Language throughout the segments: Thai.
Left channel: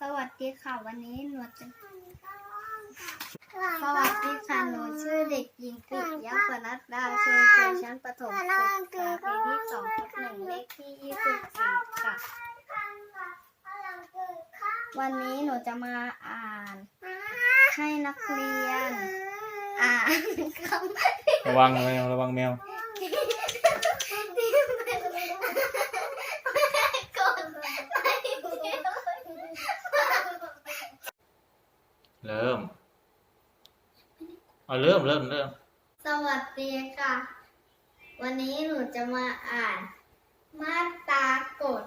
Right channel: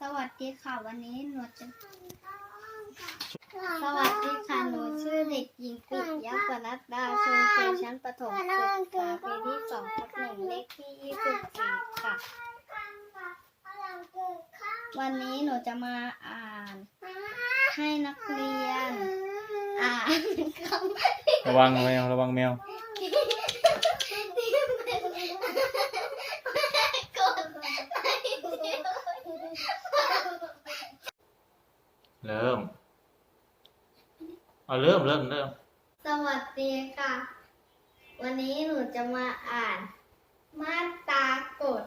สวัสดีค่ะวันนี้หนูจะ สวัสดีค่ะหนูชื่อเด็กหญิงปิยะปนัดดาชูเชยชั้นประถมศึกษาปีที่สองทับหนึ่งเลขที่ยี่สิบสี่ค่ะ วันนี้หนูจะมาอ่าน ให้นักเรียน อ่านคำ ระวังแมวระวังแมว ที่เป็นกดไลค์ เริ่มเอาเริ่มเริ่มเริ่มสวัสดีค่ะ วันนี้หนูจะมาอ่าน มาตรากฎ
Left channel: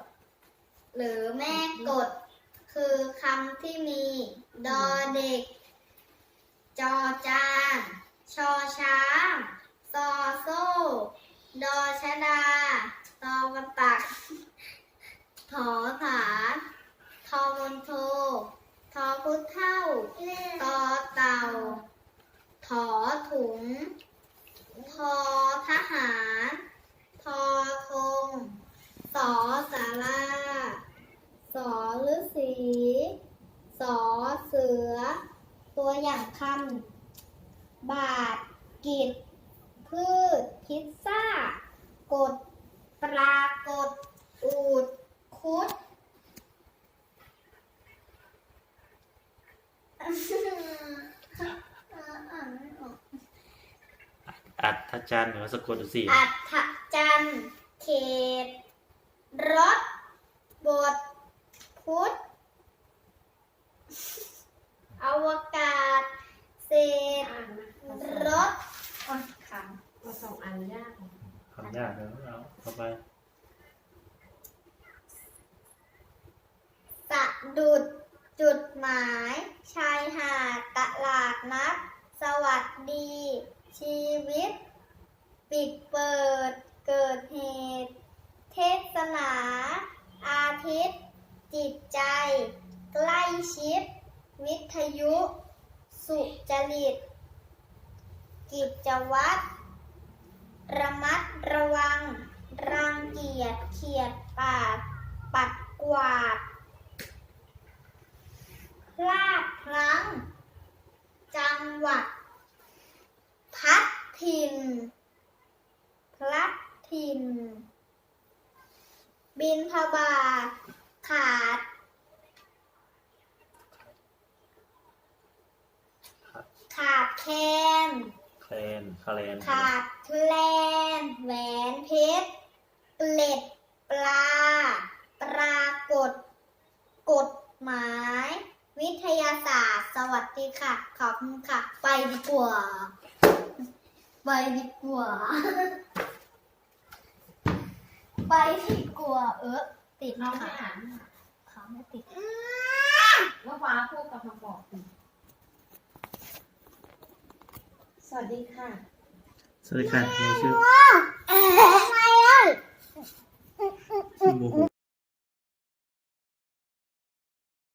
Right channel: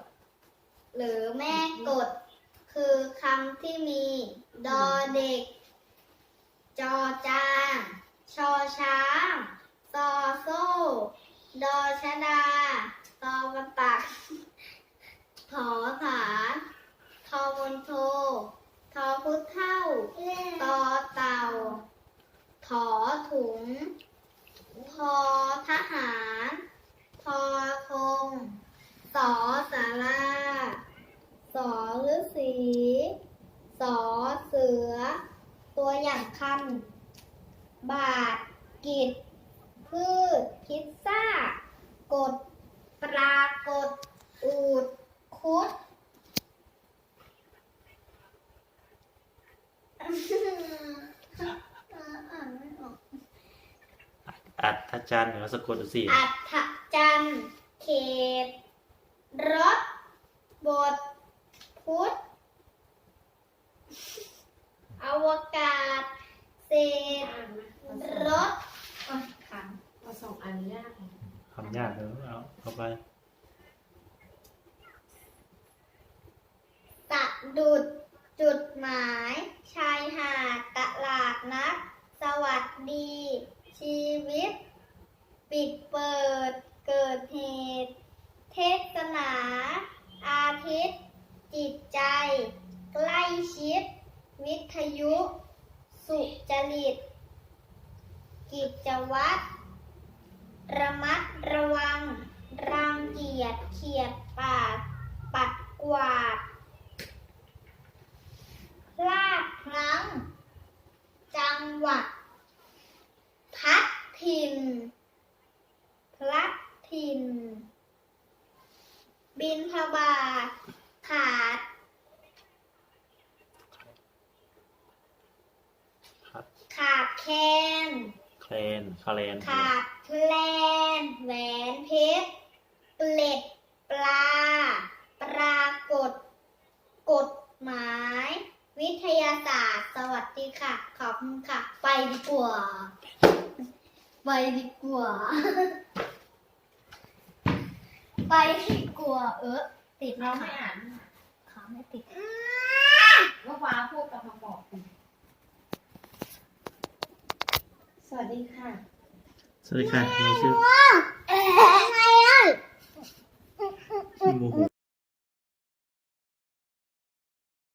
หรือแม่กฎ คือคำที่มี ดอเด็ก จอจาน ชอช้าง ซอโซ่ ดอชดา ตอวันตัก ถอฐาน ทอมนโท ทอพุทธ เท่า ตอเต่า ถอถุง ทอทหาร ทอธงสอสาราสอฤาษีสอเสือ ตัวอย่างคำบาท กิจพืชพิซซ่า กด ปรากฏ อูด คุด อ่านไม่ออก อัดทัจจันเดี๋ยวสะกดดูสิอัฐจันทร์เขตรถบทพุทธอวกาศ เศษรถอ่อนคเราสองอันยากเลยคำยากเลยเอาเข้าไปำสะดุดจุดหมาย ชายหาดตลาดนัด สวัสดี ชีวิต ปิดเปิด เกิดเหตุ เทศนา อาทิตย์ จิตใจ ใกล้ชิด วิทยุ สุจริต กิจวัตร ระมัดระวัง รังเกียจเขียดปาด ปัดกวาดพลาดพลั้ง จังหวัด พัดถิ่นพลัดถิ่น บินทบาทขาด ครับ ขาดแคลนแคลนคาแลนขาดแคลนแหวนเพชรเปล็ดปลา ปรากฏ กฎหมาย วิทยาศาสตร์ สวัสดีค่ะ ขอบคุณค่ะ ไปดีกว่า ไปดีกว่า ไปดีกว่า เออติดน้องค่ะไม่อ่านเขาไม่ติดว่าฟ้าพูดกับมาบอกคุณสวัส ดีค่ะ สวัสดีค่ะหนูชื่อ